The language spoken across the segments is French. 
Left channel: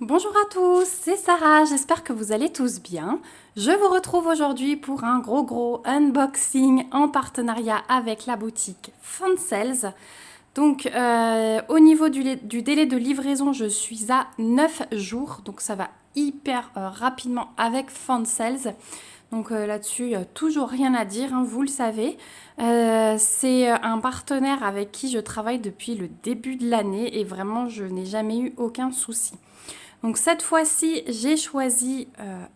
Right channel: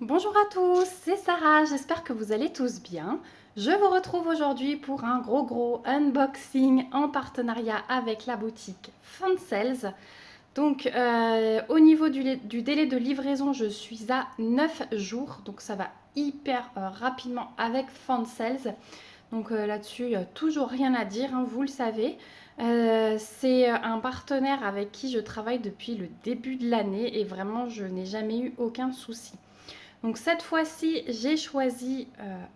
Bonjour à tous, c'est Sarah, j'espère que vous allez tous bien. Je vous retrouve aujourd'hui pour un gros unboxing en partenariat avec la boutique Fansales. Donc au niveau du délai de livraison, je suis à 9 jours, donc ça va hyper rapidement avec Fansales. Donc là-dessus, toujours rien à dire, hein, vous le savez. C'est un partenaire avec qui je travaille depuis le début de l'année et vraiment je n'ai jamais eu aucun souci. Donc cette fois-ci, j'ai choisi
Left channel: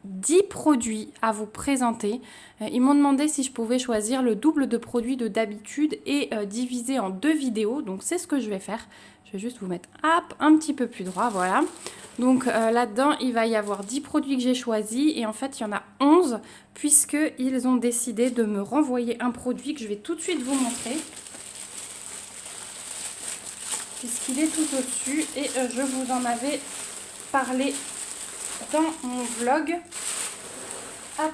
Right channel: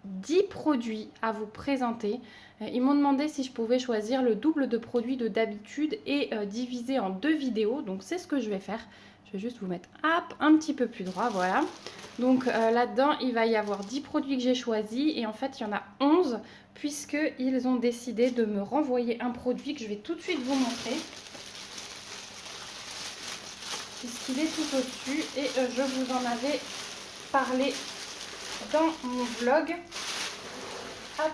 10 produits à vous présenter. Ils m'ont demandé si je pouvais choisir le double de produits de d'habitude et diviser en deux vidéos. Donc c'est ce que je vais faire. Je vais juste vous mettre hop, un petit peu plus droit, voilà. Donc là-dedans, il va y avoir 10 produits que j'ai choisis et en fait, il y en a 11 puisqu'ils ont décidé de me renvoyer un produit que je vais tout de suite vous montrer. Puisqu'il est tout au-dessus et je vous en avais parler dans mon vlog. Hop.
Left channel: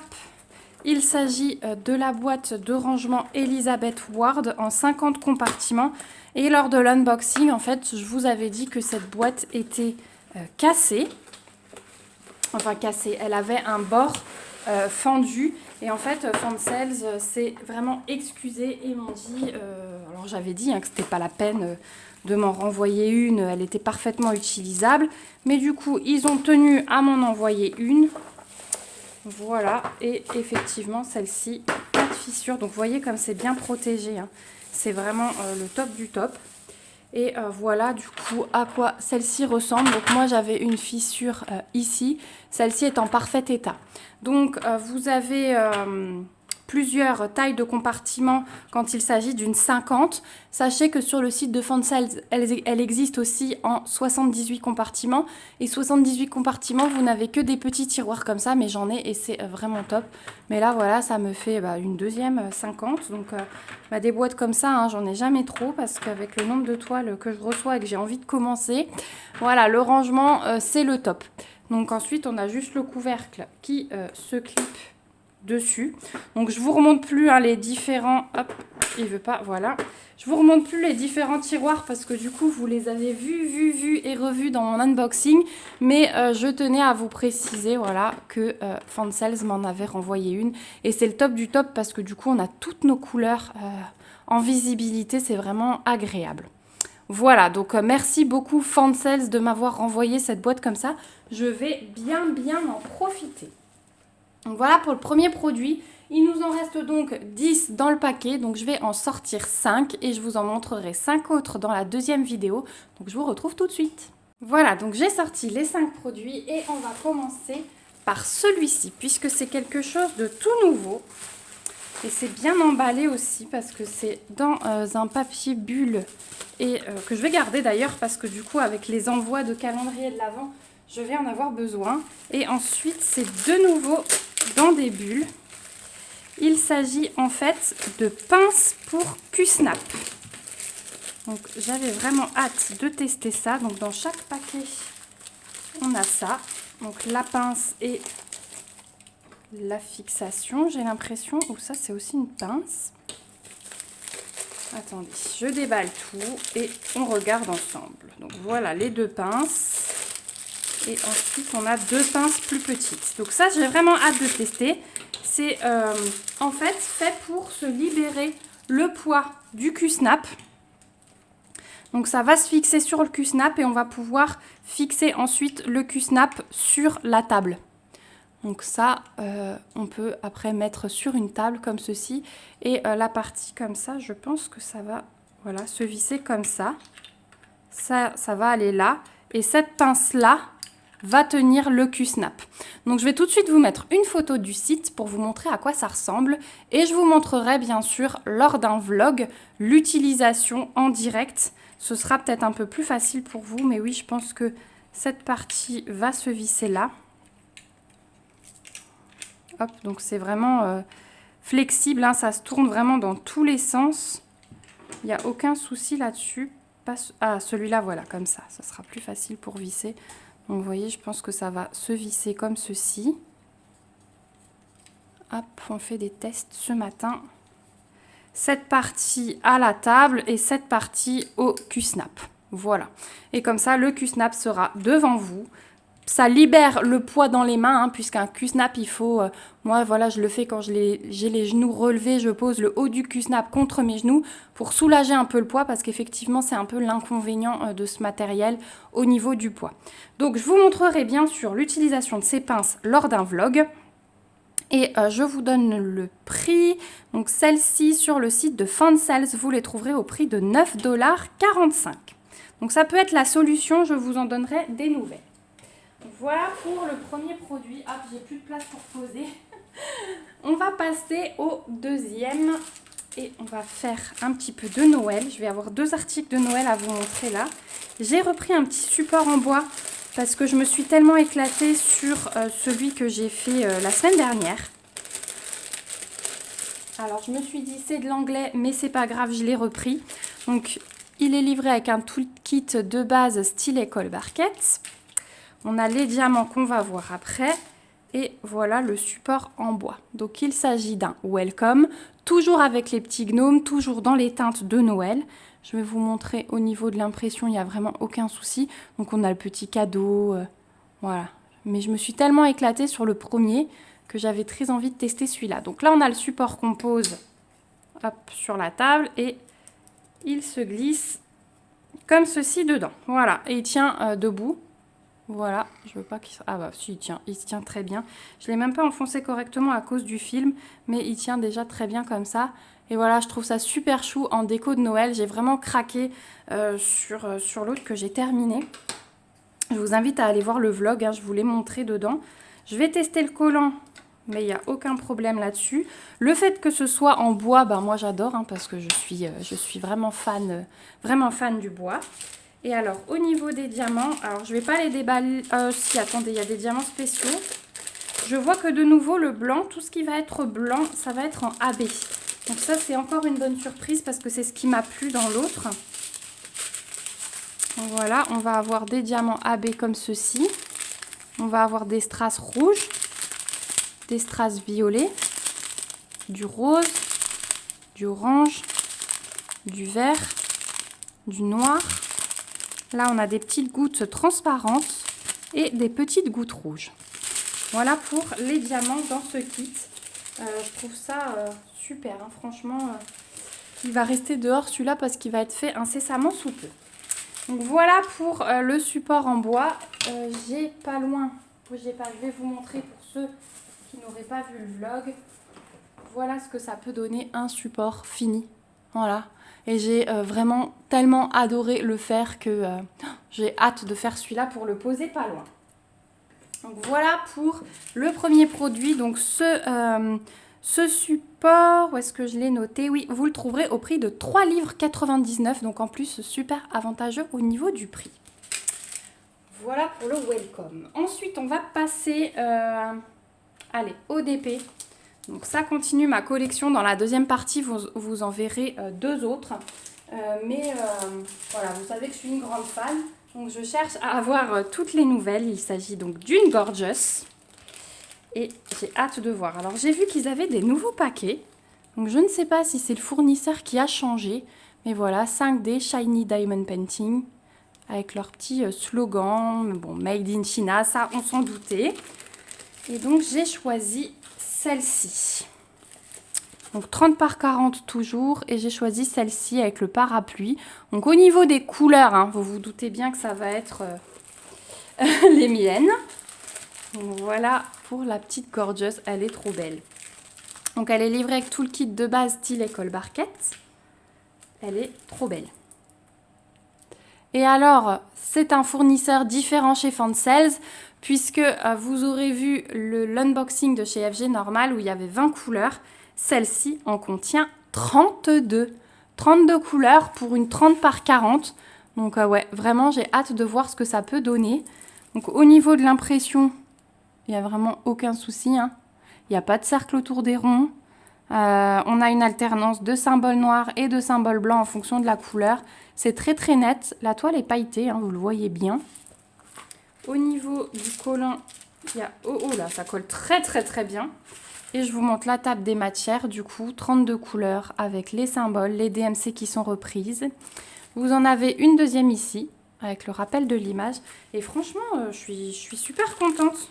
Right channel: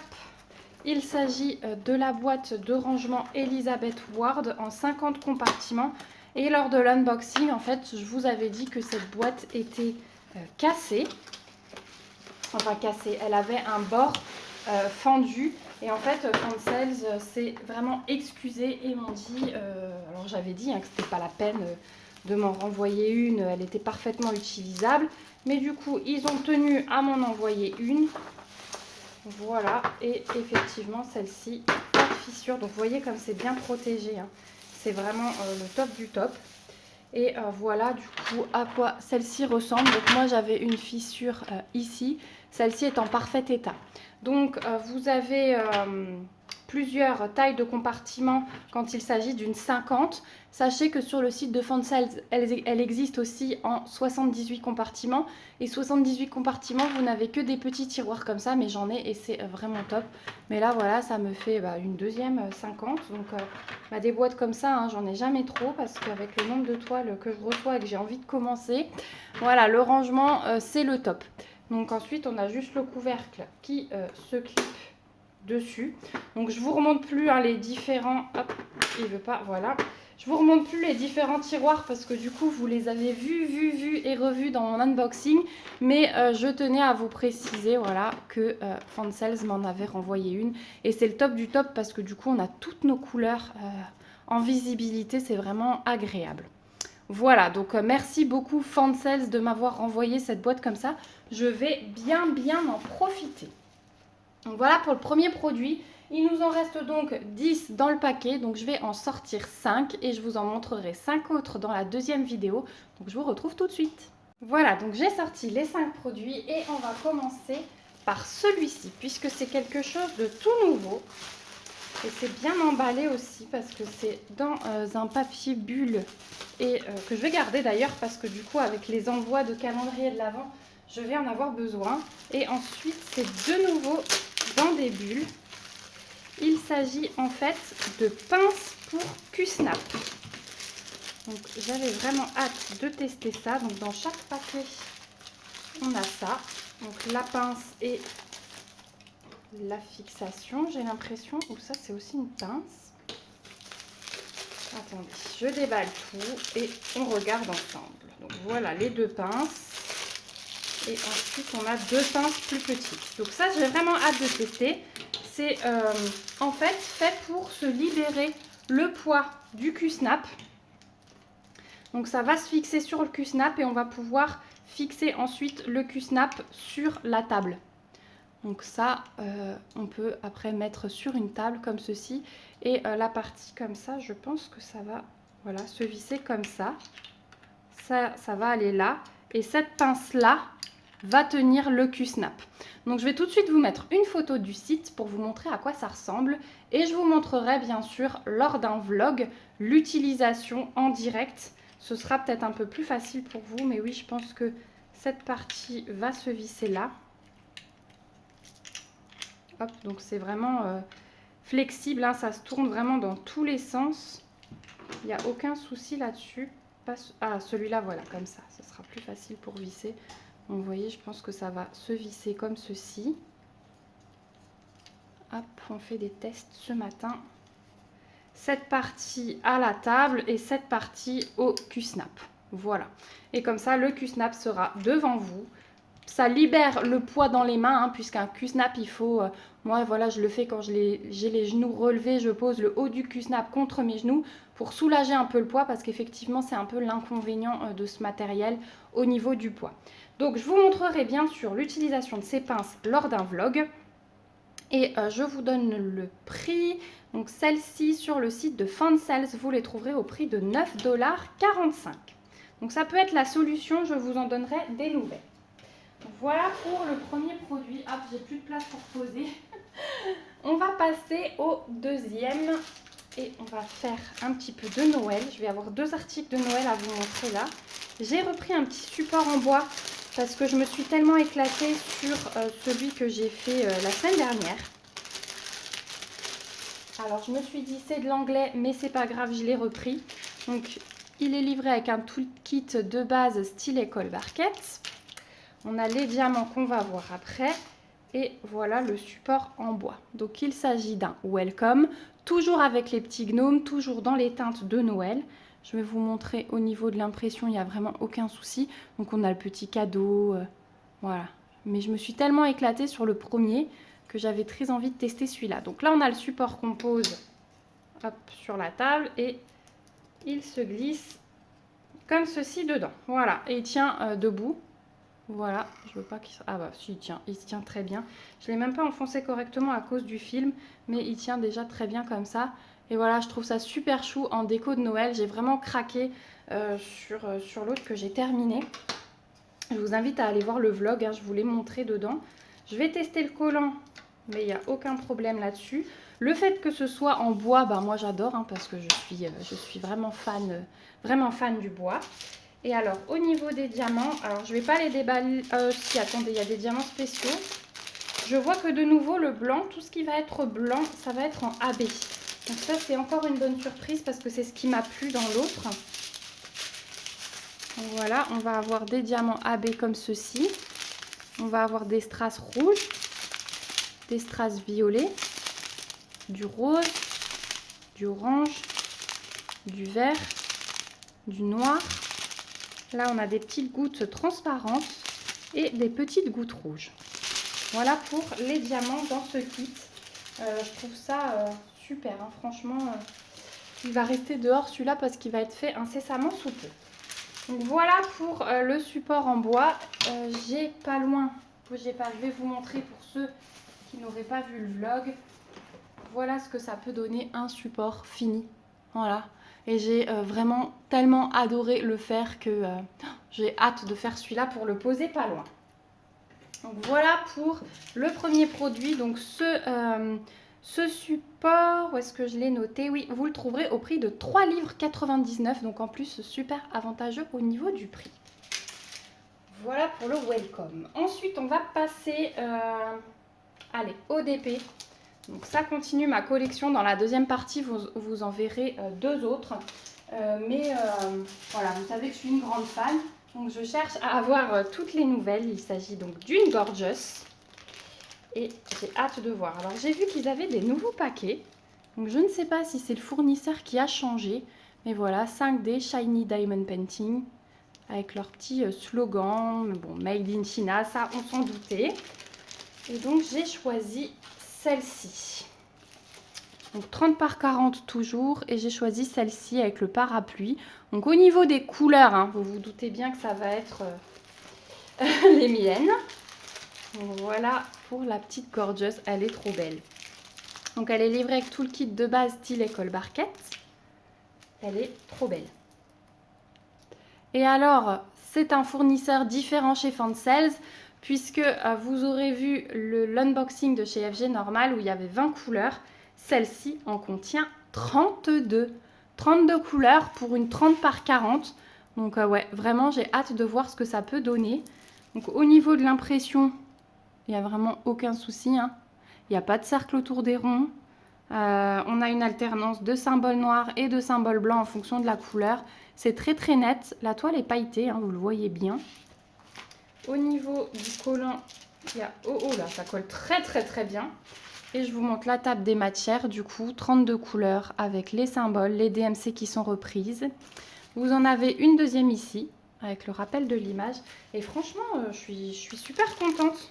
Il s'agit de la boîte de rangement Elizabeth Ward en 50 compartiments. Et lors de l'unboxing, en fait, je vous avais dit que cette boîte était cassée. Enfin, cassée. Elle avait un bord fendu. Et en fait, Fansales s'est vraiment excusé et m'ont dit... alors, j'avais dit que c'était pas la peine de m'en renvoyer une. Elle était parfaitement utilisable. Mais du coup, ils ont tenu à m'en envoyer une. Voilà. Et effectivement, celle-ci, pas de fissure. Donc, vous voyez comme c'est bien protégé. Hein. C'est vraiment le top du top. Et voilà du coup à quoi celle-ci ressemble. Donc moi j'avais une fissure ici. Celle-ci est en parfait état. Donc vous avez plusieurs tailles de compartiments quand il s'agit d'une 50. Sachez que sur le site de Fansales, elle existe aussi en 78 compartiments. Et 78 compartiments, vous n'avez que des petits tiroirs comme ça, mais j'en ai et c'est vraiment top. Mais là, voilà, ça me fait une deuxième 50. Donc, des boîtes comme ça, hein, j'en ai jamais trop parce qu'avec le nombre de toiles que je reçois et que j'ai envie de commencer, voilà, le rangement, c'est le top. Donc ensuite, on a juste le couvercle qui se clip dessus. Donc je vous remonte plus les différents... Hop, il veut pas, voilà. Je vous remonte plus les différents tiroirs parce que du coup, vous les avez vus et revus dans mon unboxing. Mais je tenais à vous préciser, voilà, que Fansales m'en avait renvoyé une. Et c'est le top du top parce que du coup, on a toutes nos couleurs en visibilité. C'est vraiment agréable. Voilà, donc merci beaucoup Fansales de m'avoir renvoyé cette boîte comme ça. Je vais bien en profiter. Donc voilà pour le premier produit. Il nous en reste donc 10 dans le paquet. Donc je vais en sortir 5 et je vous en montrerai 5 autres dans la deuxième vidéo. Donc je vous retrouve tout de suite. Voilà, donc j'ai sorti les 5 produits et on va commencer par celui-ci puisque c'est quelque chose de tout nouveau. Et c'est bien emballé aussi parce que c'est dans un papier bulle et que je vais garder d'ailleurs parce que du coup avec les envois de calendrier de l'Avent, je vais en avoir besoin. Et ensuite, c'est de nouveau dans des bulles. Il s'agit en fait de pinces pour Q-Snap. Donc j'avais vraiment hâte de tester ça. Donc dans chaque paquet, on a ça. Donc la pince et la fixation, j'ai l'impression. Ou ça, c'est aussi une pince. Attendez, je déballe tout et on regarde ensemble. Donc voilà les deux pinces. Et ensuite, on a deux pinces plus petites. Donc ça, j'ai vraiment hâte de tester. C'est en fait pour se libérer le poids du Q-Snap. Donc ça va se fixer sur le Q-Snap et on va pouvoir fixer ensuite le Q-Snap sur la table. Donc ça, on peut après mettre sur une table comme ceci. Et la partie comme ça, je pense que ça va se visser comme ça. Ça va aller là. Et cette pince-là va tenir le Q-Snap. Donc je vais tout de suite vous mettre une photo du site pour vous montrer à quoi ça ressemble. Et je vous montrerai bien sûr lors d'un vlog l'utilisation en direct. Ce sera peut-être un peu plus facile pour vous. Mais oui, je pense que cette partie va se visser là. Hop, donc c'est vraiment flexible, hein, ça se tourne vraiment dans tous les sens. Il n'y a aucun souci là-dessus. Ah, celui-là, voilà, comme ça. Ça sera plus facile pour visser. Donc, vous voyez, je pense que ça va se visser comme ceci. Hop, on fait des tests ce matin. Cette partie à la table et cette partie au Q-Snap. Voilà. Et comme ça, le Q-Snap sera devant vous. ça libère le poids dans les mains, hein, puisqu'un Q-snap, il faut... moi, voilà, je le fais quand j'ai les genoux relevés, je pose le haut du Q-snap contre mes genoux pour soulager un peu le poids, parce qu'effectivement, c'est un peu l'inconvénient de ce matériel au niveau du poids. Donc, je vous montrerai bien sûr l'utilisation de ces pinces lors d'un vlog. Et je vous donne le prix. Donc, celles-ci, sur le site de Fansales, vous les trouverez au prix de 9,45 $. Donc, ça peut être la solution, je vous en donnerai des nouvelles. Voilà pour le premier produit. Hop, j'ai plus de place pour poser. On va passer au deuxième et on va faire un petit peu de Noël. Je vais avoir 2 articles de Noël à vous montrer là. J'ai repris un petit support en bois parce que je me suis tellement éclatée sur celui que j'ai fait la semaine dernière. Alors je me suis dit c'est de l'anglais mais c'est pas grave, je l'ai repris. Donc il est livré avec un toolkit de base style école barquette. On a les diamants qu'on va voir après. Et voilà le support en bois. Donc il s'agit d'un welcome, toujours avec les petits gnomes, toujours dans les teintes de Noël. Je vais vous montrer au niveau de l'impression, il n'y a vraiment aucun souci. Donc on a le petit cadeau, voilà. Mais je me suis tellement éclatée sur le premier que j'avais très envie de tester celui-là. Donc là on a le support qu'on pose hop, sur la table et il se glisse comme ceci dedans. Voilà, et il tient debout. Voilà, je veux pas qu'il... Ah bah si, il se tient très bien. Je ne l'ai même pas enfoncé correctement à cause du film, mais il tient déjà très bien comme ça. Et voilà, je trouve ça super chou en déco de Noël. J'ai vraiment craqué sur l'autre que j'ai terminé. Je vous invite à aller voir le vlog, hein, je vous l'ai montré dedans. Je vais tester le collant, mais il n'y a aucun problème là-dessus. Le fait que ce soit en bois, bah moi j'adore, hein, parce que je suis vraiment fan du bois. Et alors, au niveau des diamants, alors je ne vais pas les déballer. Si, attendez, il y a des diamants spéciaux. Je vois que de nouveau, le blanc, tout ce qui va être blanc, ça va être en AB. Donc ça, c'est encore une bonne surprise parce que c'est ce qui m'a plu dans l'autre. Voilà, on va avoir des diamants AB comme ceci. On va avoir des strass rouges, des strass violets, du rose, du orange, du vert, du noir. Là, on a des petites gouttes transparentes et des petites gouttes rouges. Voilà pour les diamants dans ce kit. Je trouve ça super, hein. Franchement, il va rester dehors celui-là parce qu'il va être fait incessamment sous peu. Donc voilà pour le support en bois. J'ai pas loin, je vais vous montrer pour ceux qui n'auraient pas vu le vlog. Voilà ce que ça peut donner un support fini. Voilà. Et j'ai vraiment tellement adoré le faire que j'ai hâte de faire celui-là pour le poser pas loin. Donc voilà pour le premier produit. Donc ce support, où est-ce que je l'ai noté? Oui, vous le trouverez au prix de 3,99 $. Donc en plus, super avantageux au niveau du prix. Voilà pour le welcome. Ensuite, on va passer au DP. Donc ça continue ma collection. Dans la deuxième partie, vous en verrez 2 autres. Voilà, vous savez que je suis une grande fan. Donc je cherche à avoir toutes les nouvelles. Il s'agit donc d'une Gorgeous. Et j'ai hâte de voir. Alors j'ai vu qu'ils avaient des nouveaux paquets. Donc je ne sais pas si c'est le fournisseur qui a changé. Mais voilà, 5D Shiny Diamond Painting. Avec leur petit slogan. Bon, Made in China, ça on s'en doutait. Et donc j'ai choisi celle-ci. Donc 30 par 40 toujours. Et j'ai choisi celle-ci avec le parapluie. Donc au niveau des couleurs, hein, vous vous doutez bien que ça va être les miennes. Donc, voilà pour la petite Gorgeous. Elle est trop belle. Donc elle est livrée avec tout le kit de base style école barquette. Elle est trop belle. Et alors, c'est un fournisseur différent chez Fansales, puisque vous aurez vu l'unboxing de chez FG Normal où il y avait 20 couleurs. Celle-ci en contient 32. 32 couleurs pour une 30 par 40. Donc ouais, vraiment, j'ai hâte de voir ce que ça peut donner. Donc au niveau de l'impression, il n'y a vraiment aucun souci, hein. Il n'y a pas de cercle autour des ronds. On a une alternance de symboles noirs et de symboles blancs en fonction de la couleur. C'est très très net. La toile est pailletée, hein, vous le voyez bien. Au niveau du collant, il y a... Oh là, ça colle très très très bien. Et je vous montre la table des matières, du coup, 32 couleurs avec les symboles, les DMC qui sont reprises. Vous en avez une deuxième ici. avec le rappel de l'image. Et franchement, je suis super contente.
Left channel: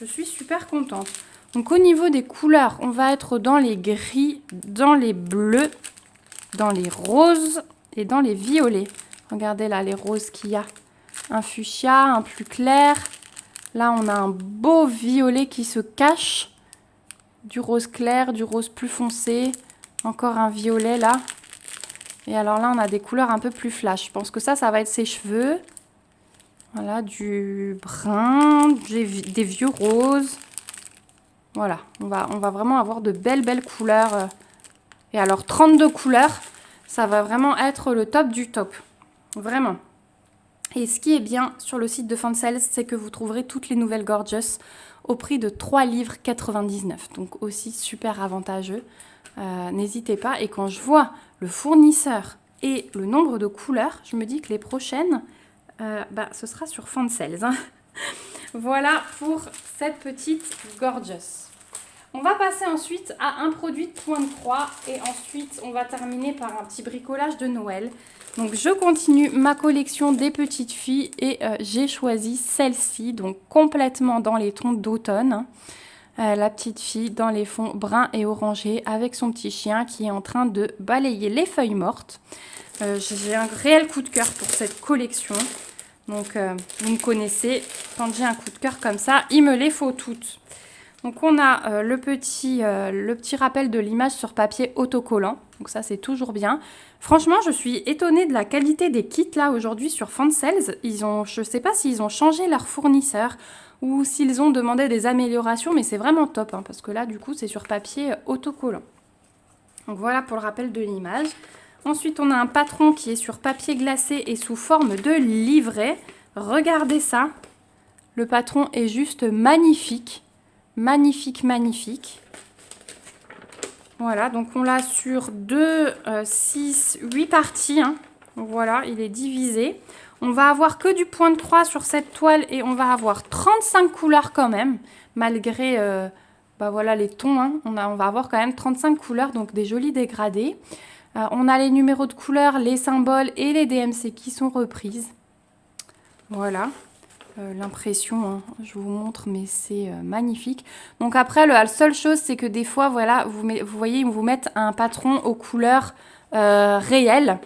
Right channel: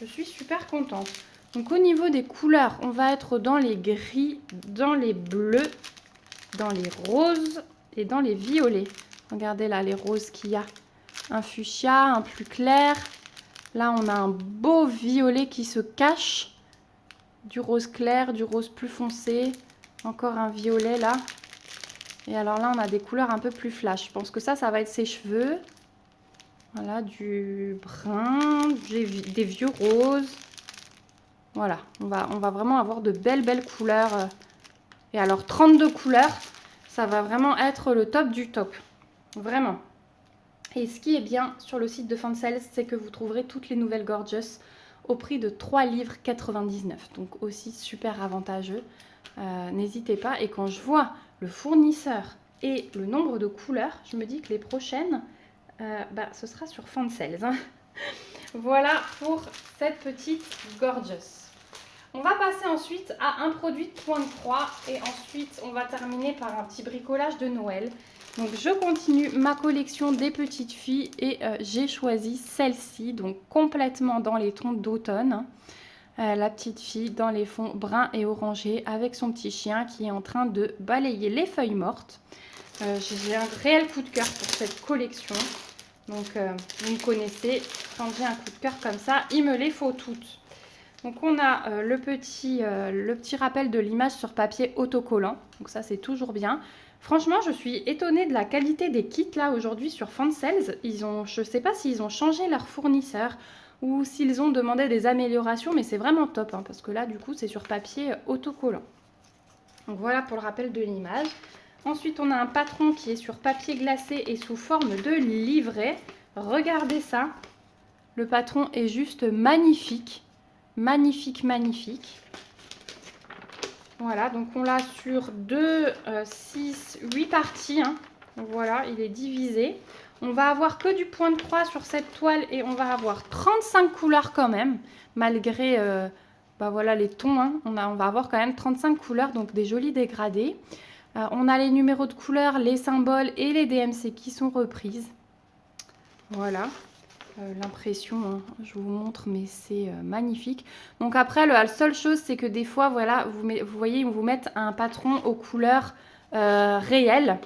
Je suis super contente. Donc au niveau des couleurs, on va être dans les gris, dans les bleus, dans les roses et dans les violets. Regardez là les roses qu'il y a. Un fuchsia, un plus clair. Là, on a un beau violet qui se cache. Du rose clair, du rose plus foncé. Encore un violet là. Et alors là, on a des couleurs un peu plus flash. Je pense que ça va être ses cheveux. Voilà, du brun, des vieux roses. Voilà, on va vraiment avoir de belles couleurs. Et alors, 32 couleurs, ça va vraiment être le top du top. Vraiment. Et ce qui est bien sur le site de Fancels, c'est que vous trouverez toutes les nouvelles Gorgeous au prix de 3,99 livres. Donc aussi super avantageux. N'hésitez pas. Et quand je vois le fournisseur et le nombre de couleurs, je me dis que les prochaines, ce sera sur Fancels. Hein. Voilà pour cette petite Gorgeous. On va passer ensuite à un produit de point de croix et ensuite on va terminer par un petit bricolage de Noël. Donc je continue ma collection des petites filles et j'ai choisi celle-ci, donc complètement dans les tons d'automne. La petite fille dans les fonds bruns et orangés avec son petit chien qui est en train de balayer les feuilles mortes. J'ai un réel coup de cœur pour cette collection. Donc vous me connaissez, quand j'ai un coup de cœur comme ça, il me les faut toutes. Donc on a le petit rappel de l'image sur papier autocollant. Donc ça c'est toujours bien. Franchement je suis étonnée de la qualité des kits là aujourd'hui sur Fancels. Je ne sais pas s'ils ont changé leur fournisseur ou s'ils ont demandé des améliorations. Mais c'est vraiment top hein, parce que là du coup c'est sur papier autocollant. Donc voilà pour le rappel de l'image. Ensuite on a un patron qui est sur papier glacé et sous forme de livret. Regardez ça. Le patron est juste magnifique. Magnifique. Voilà, donc on l'a sur 2, 6, 8 parties. Hein. Donc voilà, il est divisé. On va avoir que du point de croix sur cette toile et on va avoir 35 couleurs quand même, malgré voilà, les tons. Hein. On va avoir quand même 35 couleurs, donc des jolis dégradés. On a les numéros de couleurs, les symboles et les DMC qui sont reprises. Voilà. L'impression, hein, je vous montre, mais c'est magnifique. Donc après, la seule chose, c'est que des fois, voilà, vous voyez, ils vous mettent un patron aux couleurs réelles,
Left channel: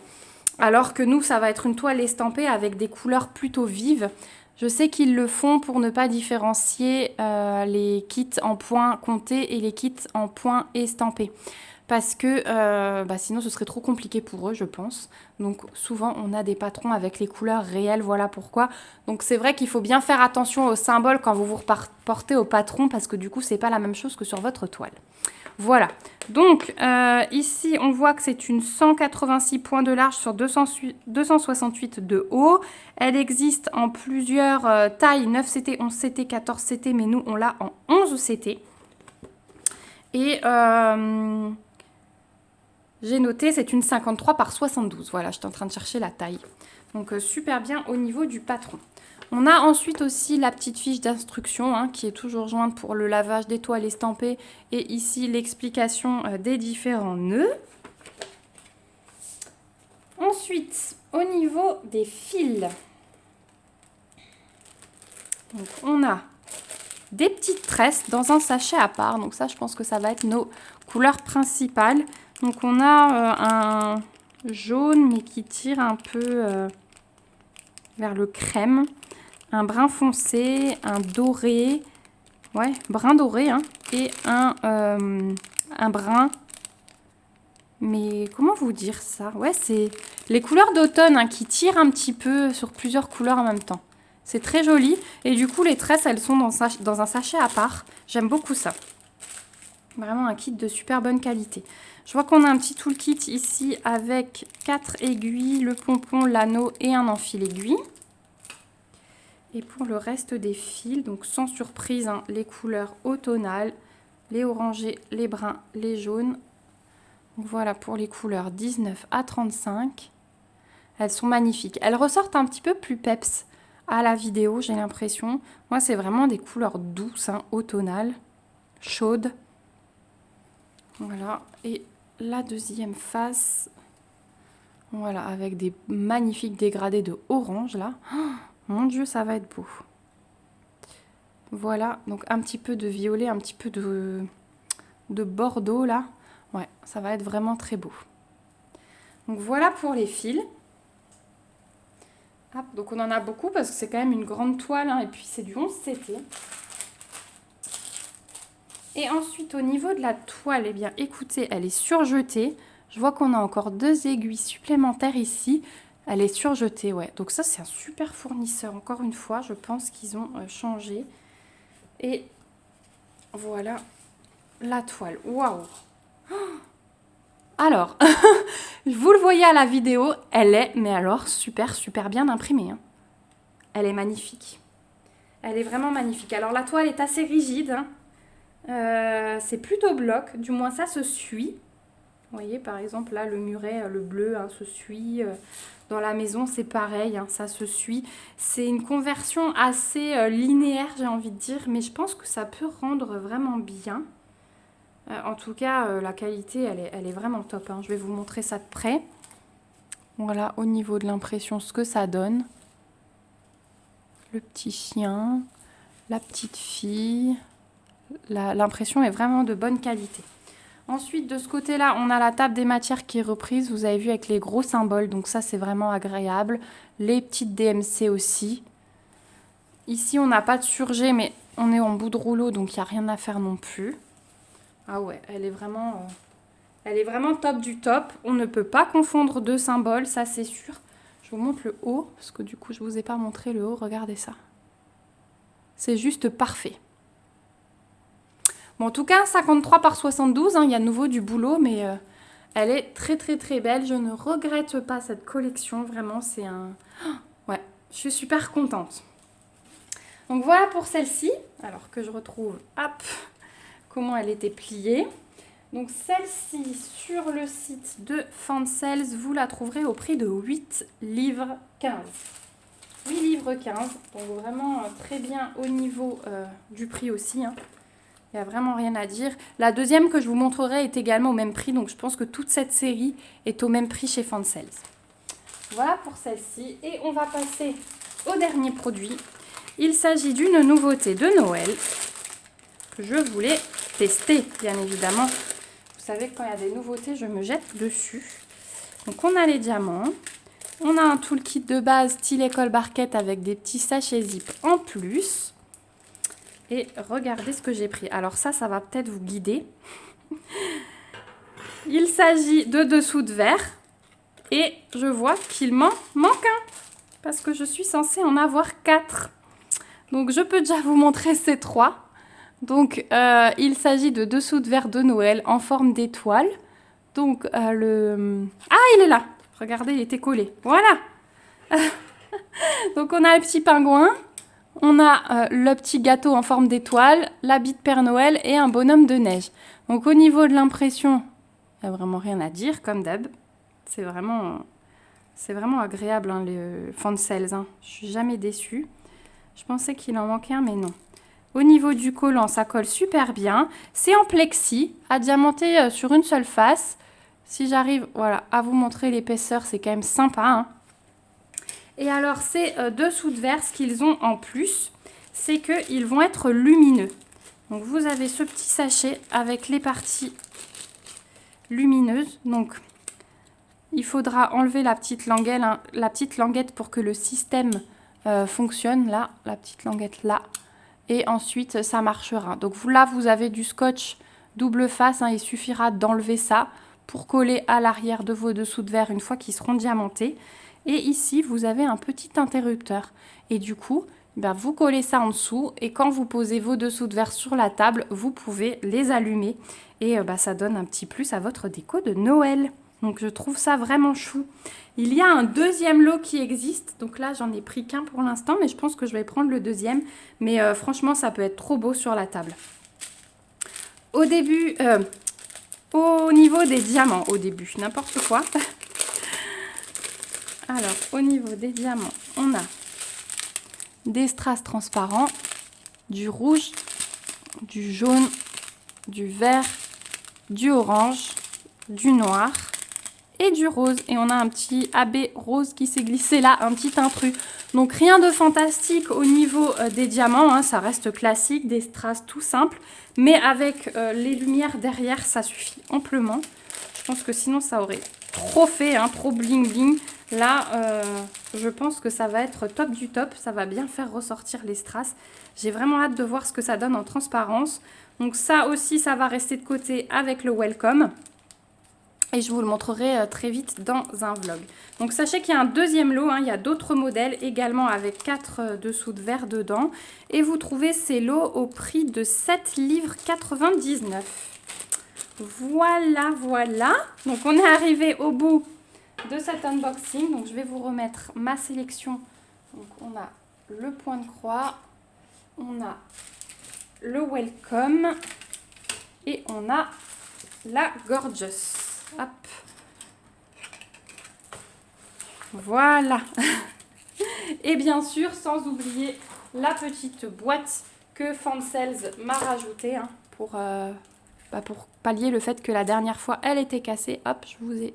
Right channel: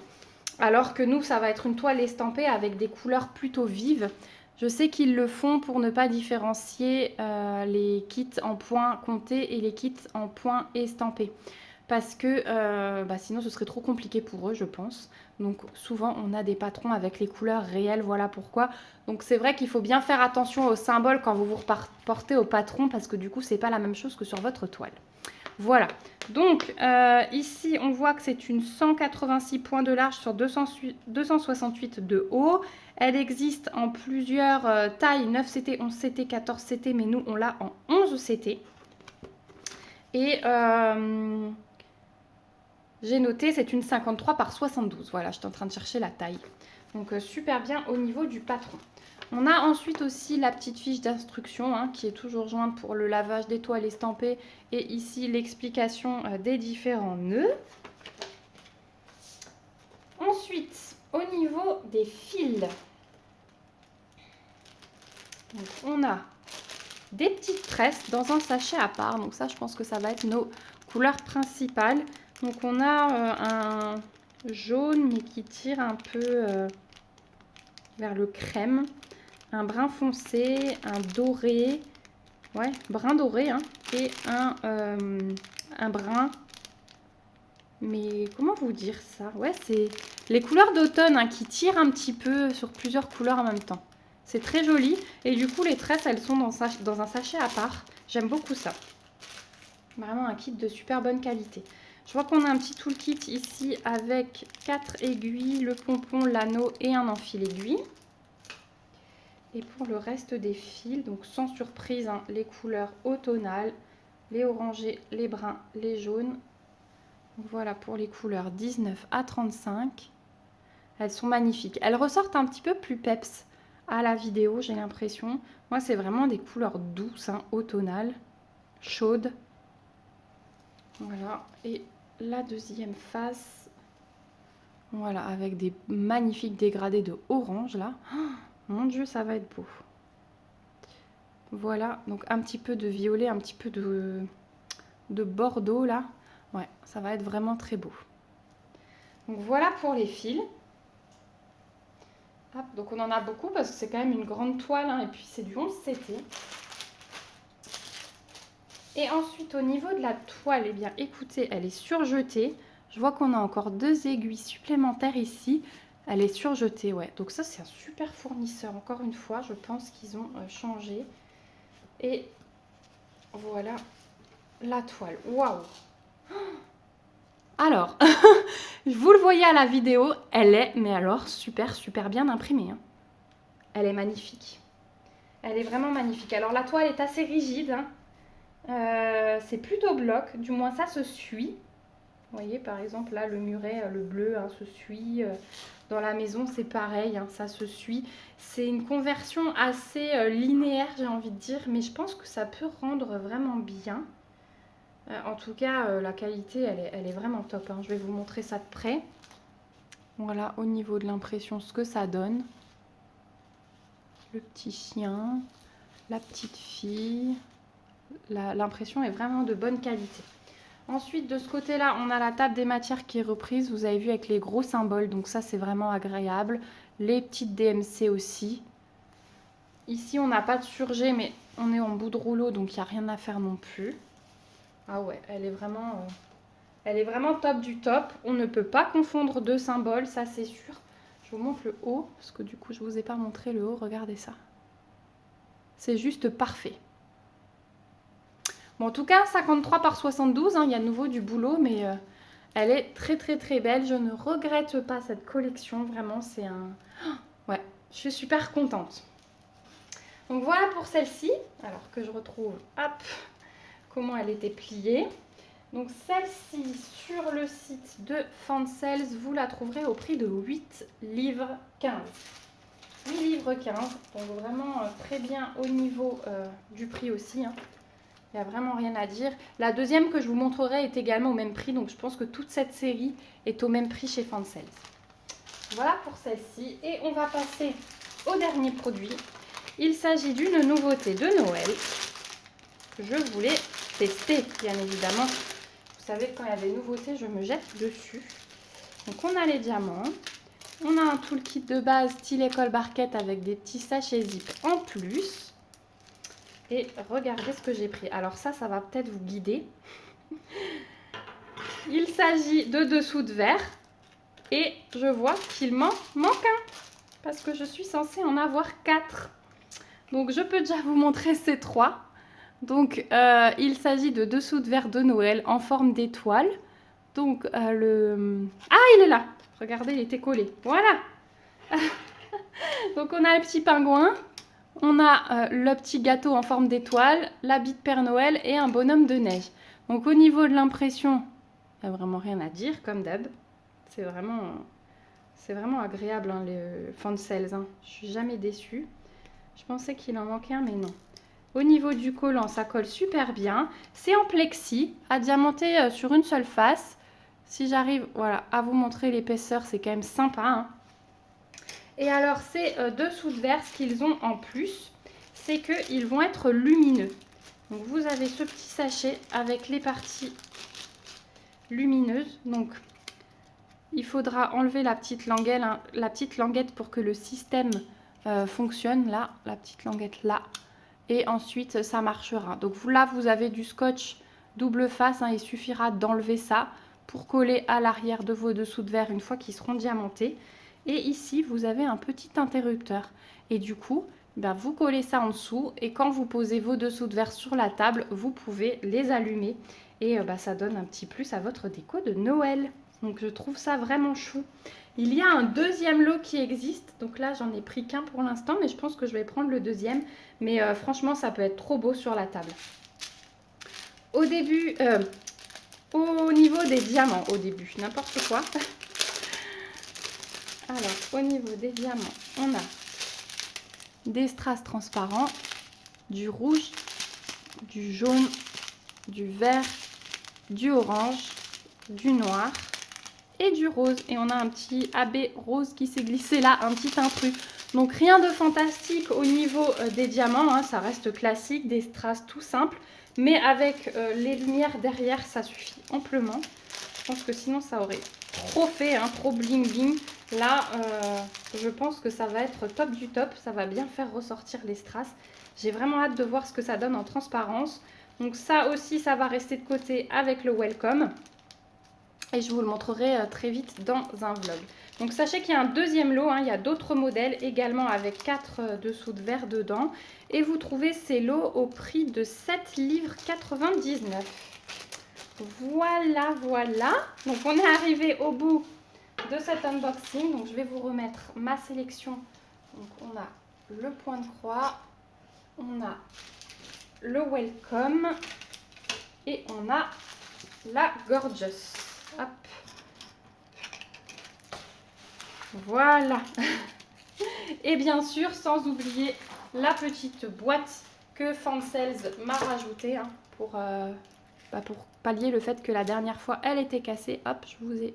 alors que nous, ça va être une toile estampée avec des couleurs plutôt vives. Je sais qu'ils le font pour ne pas différencier les kits en points comptés et les kits en points estampés. Parce que sinon, ce serait trop compliqué pour eux, je pense. Donc souvent, on a des patrons avec les couleurs réelles, voilà pourquoi. Donc c'est vrai qu'il faut bien faire attention aux symboles quand vous vous reportez au patron, parce que du coup, c'est pas la même chose que sur votre toile. Voilà. Donc ici, on voit que c'est une 186 points de large sur 268 de haut. Elle existe en plusieurs tailles, 9 CT, 11 CT, 14 CT, mais nous, on l'a en 11 CT. Et j'ai noté, c'est une 53 par 72. Voilà, j'étais en train de chercher la taille. Donc, super bien au niveau du patron. On a ensuite aussi la petite fiche d'instruction hein, qui est toujours jointe pour le lavage des toiles estampées. Et ici, l'explication des différents nœuds. Ensuite, au niveau des fils, donc, on a des petites tresses dans un sachet à part. Donc ça, je pense que ça va être nos couleurs principales. Donc on a un jaune mais qui tire un peu vers le crème, un brun foncé, un doré, ouais, brun doré, hein, et un brun, mais comment vous dire ça? Ouais, c'est les couleurs d'automne hein, qui tirent un petit peu sur plusieurs couleurs en même temps. C'est très joli et du coup les tresses elles sont dans un sachet à part. J'aime beaucoup ça. Vraiment un kit de super bonne qualité. Je vois qu'on a un petit toolkit ici avec 4 aiguilles, le pompon, l'anneau et un enfil aiguille. Et pour le reste des fils, donc sans surprise, hein, les couleurs automnales, les orangés, les bruns, les jaunes. Donc voilà pour les couleurs 19 à 35. Elles sont magnifiques. Elles ressortent un petit peu plus peps à la vidéo, j'ai l'impression. Moi, c'est vraiment des couleurs douces, hein, automnales, chaudes. Voilà. Et la deuxième face, Voilà, avec des magnifiques dégradés de orange là. Oh, mon Dieu, ça va être beau. Voilà, donc un petit peu de violet, un petit peu de bordeaux là. Ouais, ça va être vraiment très beau. Donc voilà pour les fils. Hop, donc on en a beaucoup parce que c'est quand même une grande toile hein, et puis c'est du 11 CT. Et ensuite au niveau de la toile, eh bien écoutez, elle est surjetée. Je vois qu'on a encore 2 aiguilles supplémentaires ici. Elle est surjetée, ouais. Donc ça c'est un super fournisseur. Encore une fois, je pense qu'ils ont changé. Et voilà la toile. Waouh! Alors, vous le voyez à la vidéo, elle est, mais alors, super bien imprimée. Hein. Elle est magnifique. Elle est vraiment magnifique. Alors, la toile est assez rigide. Hein. C'est plutôt bloc, du moins ça se suit. Vous voyez, par exemple, là, le muret, le bleu, hein, se suit. Dans la maison, c'est pareil, hein, ça se suit. C'est une conversion assez linéaire, j'ai envie de dire, mais je pense que ça peut rendre vraiment bien. En tout cas, la qualité, elle est vraiment top. Hein. Je vais vous montrer ça de près. Voilà, au niveau de l'impression, ce que ça donne. Le petit chien, la petite fille. L'impression est vraiment de bonne qualité. Ensuite, de ce côté-là, on a la table des matières qui est reprise. Vous avez vu avec les gros symboles, donc ça, c'est vraiment agréable. Les petites DMC aussi. Ici, on n'a pas de surjet, mais on est en bout de rouleau, donc il n'y a rien à faire non plus. Ah ouais, elle est vraiment top du top. On ne peut pas confondre deux symboles, ça c'est sûr. Je vous montre le haut, parce que du coup, je ne vous ai pas montré le haut. Regardez ça. C'est juste parfait. Bon, en tout cas, 53 par 72, hein, il y a de nouveau du boulot, mais elle est très belle. Je ne regrette pas cette collection, vraiment, c'est un... Ouais, je suis super contente. Donc voilà pour celle-ci. Alors que je retrouve, hop, comment elle était pliée. Donc celle-ci, sur le site de Fansales, vous la trouverez au prix de 8 livres 15. 8 livres 15, donc vraiment très bien au niveau du prix aussi. Hein. Il n'y a vraiment rien à dire. La deuxième que je vous montrerai est également au même prix, donc je pense que toute cette série est au même prix chez Fansales. Voilà pour celle-ci. Et on va passer au dernier produit. Il s'agit d'une nouveauté de Noël que je voulais tester, bien évidemment. Vous savez que quand il y a des nouveautés, je me jette dessus. Donc on a les diamants. On a un toolkit de base style école barquette avec des petits sachets zip en plus. Et regardez ce que j'ai pris. Alors ça va peut-être vous guider. Il s'agit de dessous de verre. Et je vois qu'il m'en manque un. Parce que je suis censée en avoir 4. Donc je peux déjà vous montrer ces 3. Donc il s'agit de dessous de verre de Noël en forme d'étoile. Donc le... Ah, il est là. Regardez, il était collé. Voilà. Donc on a le petit pingouin. On a le petit gâteau en forme d'étoile, l'habit de Père Noël et un bonhomme de neige. Donc au niveau de l'impression, il n'y a vraiment rien à dire, comme d'hab. C'est vraiment agréable, hein, les Fansales. Hein. Je suis jamais déçue. Je pensais qu'il en manquait un, mais non. Au niveau du collant, ça colle super bien. C'est en plexi, à diamanter sur une seule face. Si j'arrive voilà, à vous montrer l'épaisseur, c'est quand même sympa. Hein. Et alors, ces dessous de verre, ce qu'ils ont en plus, c'est qu'ils vont être lumineux. Donc, vous avez ce petit sachet avec les parties lumineuses. Donc, il faudra enlever la petite languette pour que le système fonctionne. Là, la petite languette là. Et ensuite, ça marchera. Donc, là, vous avez du scotch double face. Hein, il suffira d'enlever ça pour coller à l'arrière de vos dessous de verre une fois qu'ils seront diamantés. Et ici, vous avez un petit interrupteur. Et du coup, vous collez ça en dessous. Et quand vous posez vos dessous de verre sur la table, vous pouvez les allumer. Et ça donne un petit plus à votre déco de Noël. Donc, je trouve ça vraiment chou. Il y a un deuxième lot qui existe. Donc là, j'en ai pris qu'un pour l'instant. Mais je pense que je vais prendre le deuxième. Mais franchement, ça peut être trop beau sur la table. Au début, au niveau des diamants, n'importe quoi. Alors, au niveau des diamants, on a des strass transparents, du rouge, du jaune, du vert, du orange, du noir et du rose. Et on a un petit AB rose qui s'est glissé là, un petit intrus. Donc rien de fantastique au niveau des diamants, hein, ça reste classique, des strass tout simples. Mais avec les lumières derrière, ça suffit amplement. Je pense que sinon ça aurait trop fait, hein, trop bling bling. Là, je pense que ça va être top du top. Ça va bien faire ressortir les strass. J'ai vraiment hâte de voir ce que ça donne en transparence. Donc ça aussi, ça va rester de côté avec le welcome. Et je vous le montrerai très vite dans un vlog. Donc sachez qu'il y a un deuxième lot, hein, il y a d'autres modèles également avec 4 dessous de verre dedans. Et vous trouvez ces lots au prix de 7,99 $. Voilà, voilà. Donc on est arrivé au bout de cet unboxing. Donc je vais vous remettre ma sélection. Donc on a le point de croix, on a le welcome et on a la gorgeous. Hop. Voilà. Et bien sûr, sans oublier la petite boîte que Fancels m'a rajoutée, hein, pour pallier le fait que la dernière fois, elle était cassée. Hop, je vous ai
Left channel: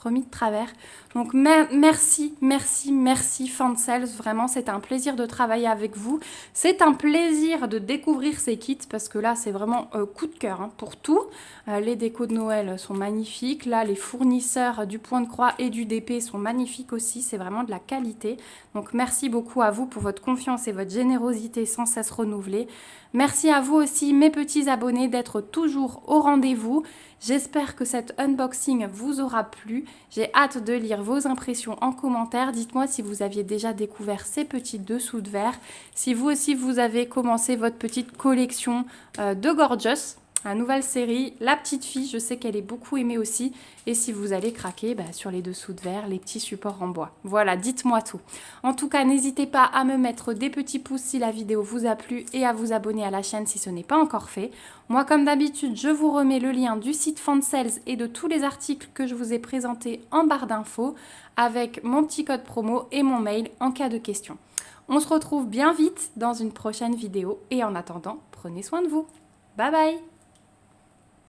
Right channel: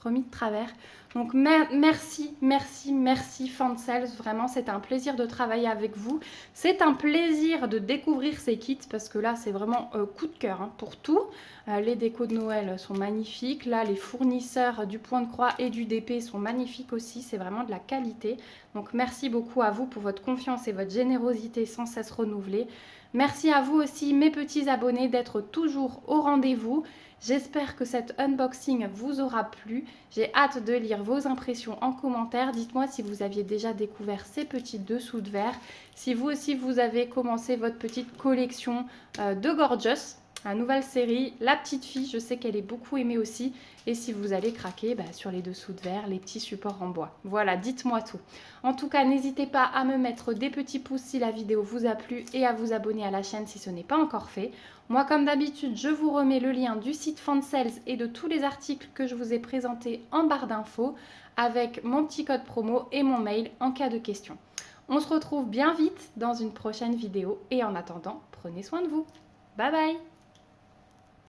remis de travers. Donc, merci, merci, merci Fancels. Vraiment, c'est un plaisir de travailler avec vous. C'est un plaisir de découvrir ces kits parce que là, c'est vraiment coup de cœur, hein, pour tout. Les décos de Noël sont magnifiques. Là, les fournisseurs du Point de Croix et du DP sont magnifiques aussi. C'est vraiment de la qualité. Donc, merci beaucoup à vous pour votre confiance et votre générosité sans cesse renouvelée. Merci à vous aussi, mes petits abonnés, d'être toujours au rendez-vous. J'espère que cet unboxing vous aura plu. J'ai hâte de lire vos impressions en commentaire. Dites-moi si vous aviez déjà découvert ces petits dessous de verre. Si vous aussi, vous avez commencé votre petite collection de Gorgeous. La nouvelle série, La Petite Fille, je sais qu'elle est beaucoup aimée aussi. Et si vous allez craquer sur les dessous de verre, les petits supports en bois. Voilà, dites-moi tout. En tout cas, n'hésitez pas à me mettre des petits pouces si la vidéo vous a plu et à vous abonner à la chaîne si ce n'est pas encore fait. Moi, comme d'habitude, je vous remets le lien du site Fancels et de tous les articles que je vous ai présentés en barre d'infos avec mon petit code promo et mon mail en cas de question. On se retrouve bien vite dans une prochaine vidéo et en attendant, prenez soin de vous. Bye bye!